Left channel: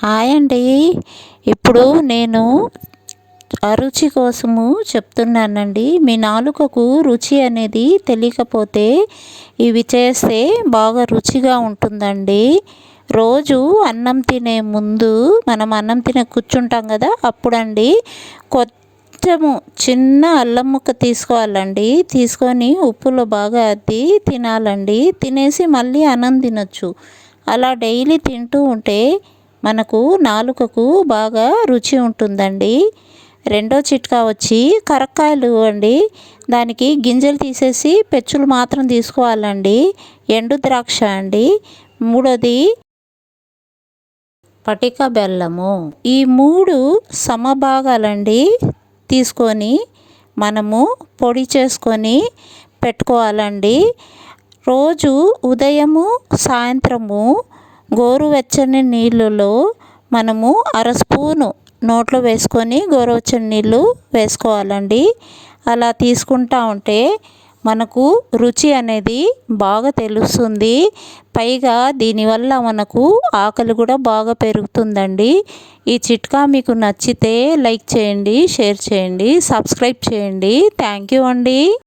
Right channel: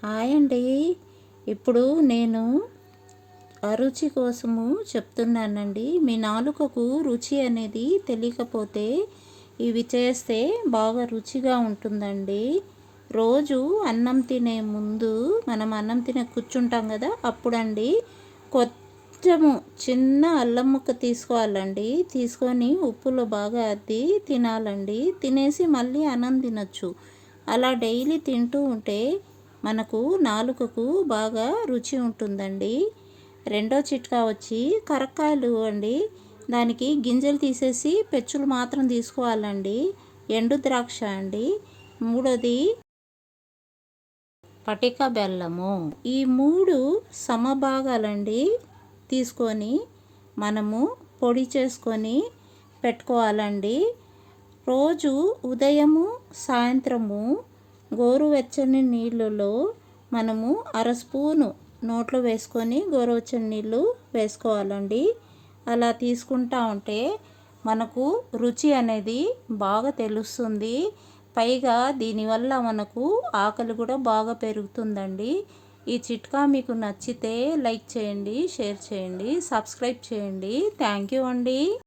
Hi అండి. ఇప్పుడు నేను అరుచి కోసము చెప్తున్నానండి. మీ నాలుకకు రుచి అనేది తెలియకపోతే ఇవి చేస్తే బాగా రుచిగా ఉంటుందండి. రోజు అన్నం తినే ముందు మనం అన్నం తినే కూర్చుంటాం కదా, అప్పుడండి కొంచెము చిన్న అల్లం ముక్క తీసుకోవాలండి. తీసుకొని ఉప్పులో బాగా అద్ది తినాలండి. తినేసి మళ్ళీ అన్నం తినొచ్చు. అలా డైలీ తింటూ ఉంటే మనకు నాలుకకు బాగా రుచి ఉంటుందండి. రెండో చిట్కా వచ్చి కరక్కాయలు అండి. దానికి గింజలు తీసేసి పెచ్చులు మాత్రం తీసుకోవాలండి. ఎండు ద్రాక్ష అండి. మూడోది పటిక బెల్లము. ఈ మూడు సమభాగాలండి తీసుకొని మనము పొడి చేసుకొని పెట్టుకోవాలండి. రోజు ఉదయము సాయంత్రము గోరువెచ్చని నీళ్ళలో మనము అర స్పూను నోట్లో వేసుకొని గోరువెచ్చని నీళ్ళు వేసుకోవాలండి. అలా తీసుకుంటా ఉంటే మనకు రుచి అనేది బాగా తెలుస్తుంది. పైగా దీనివల్ల మనకు ఆకలి కూడా బాగా పెరుగుతుందండి. ఈ చిట్కా మీకు నచ్చితే లైక్ చేయండి, షేర్ చేయండి, సబ్స్క్రైబ్ చేయండి. థ్యాంక్ యూ అండి.